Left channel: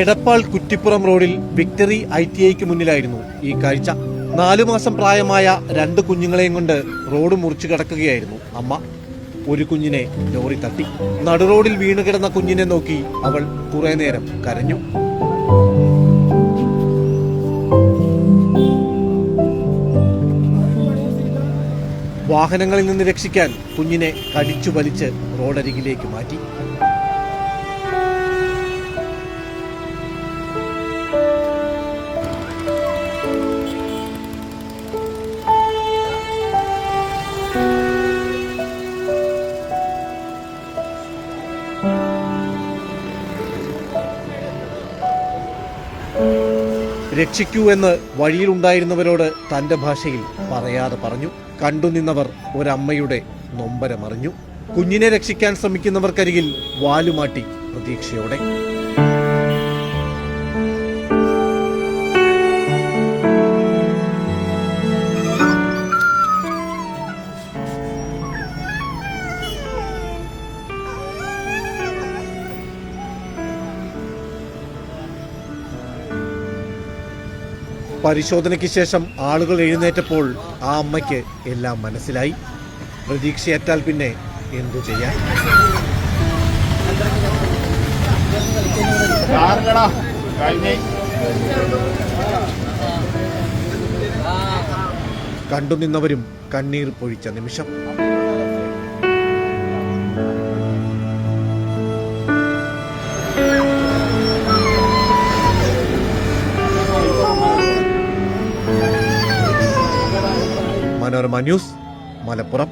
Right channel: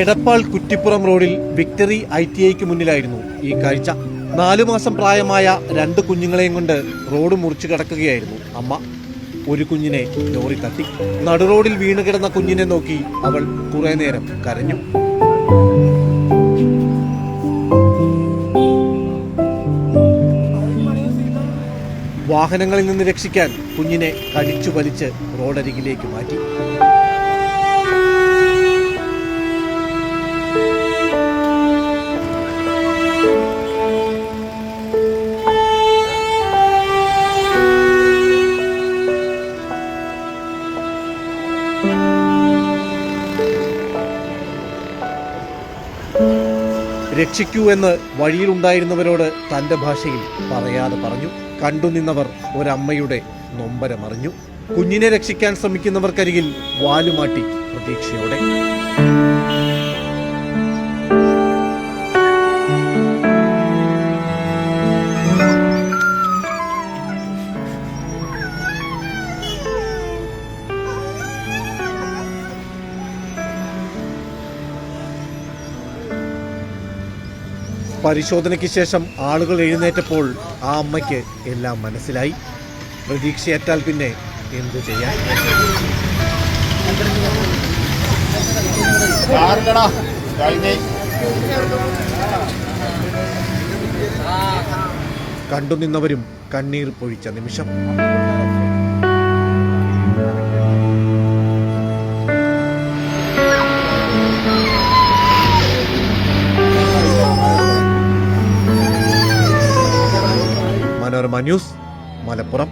എടപ്പാൾ കുറ്റിപ്പുറം റോഡിൽ വിക്ടറി ITIക്ക് മുന്നിലായിരുന്നു ഈ കാഴ്ച. 4 മാസം പ്രായമായ 2 കുഞ്ഞുങ്ങളെയും കൊണ്ട് റോഡ് മുറിച്ചു കടക്കുകയായിരുന്നു അമ്മ. ഒരു കുഞ്ഞിനെ ലോറി തട്ടി. നടുറോഡിൽ വീണുകിടന്ന കുഞ്ഞിനെ നോക്കി അവൾ കുറെ നേരം കരഞ്ഞു. വാഹനങ്ങളിൽ നിന്ന് രക്ഷിക്കാൻ കുഞ്ഞിനെ കടിച്ചു വലിച്ച് റോഡരികിലേക്ക് മാറ്റി. രക്ഷിക്കൂ എന്ന് വഴിയിലുണ്ടായിരുന്നവരോട് തന്റെ ഭാഷയിൽ പറയാതെ പറഞ്ഞു. കണ്ടുനിന്നവർ ഒരമ്മയുടെ നൊമ്പരമറിഞ്ഞു. കുഞ്ഞിനെ രക്ഷിക്കാൻ ശ്രമിക്കുന്നവർക്കരികിൽ വാലുമാട്ടി പ്രതീക്ഷയോടെ. പരിശോധനയ്ക്ക് ശേഷം ആളുകൾ എഴുന്നേറ്റപ്പോൾ ആ അമ്മയ്ക്ക് എല്ലാം മനസ്സിലായി. പ്രതീക്ഷയേറ്റാൽ പിന്നെ എന്തു ചെയ്യാൻ? കണ്ടുനിന്നവരും കണ്ണീർ പൊഴിച്ച നിമിഷം. മനോരമ ന്യൂസ്, മലപ്പുറം.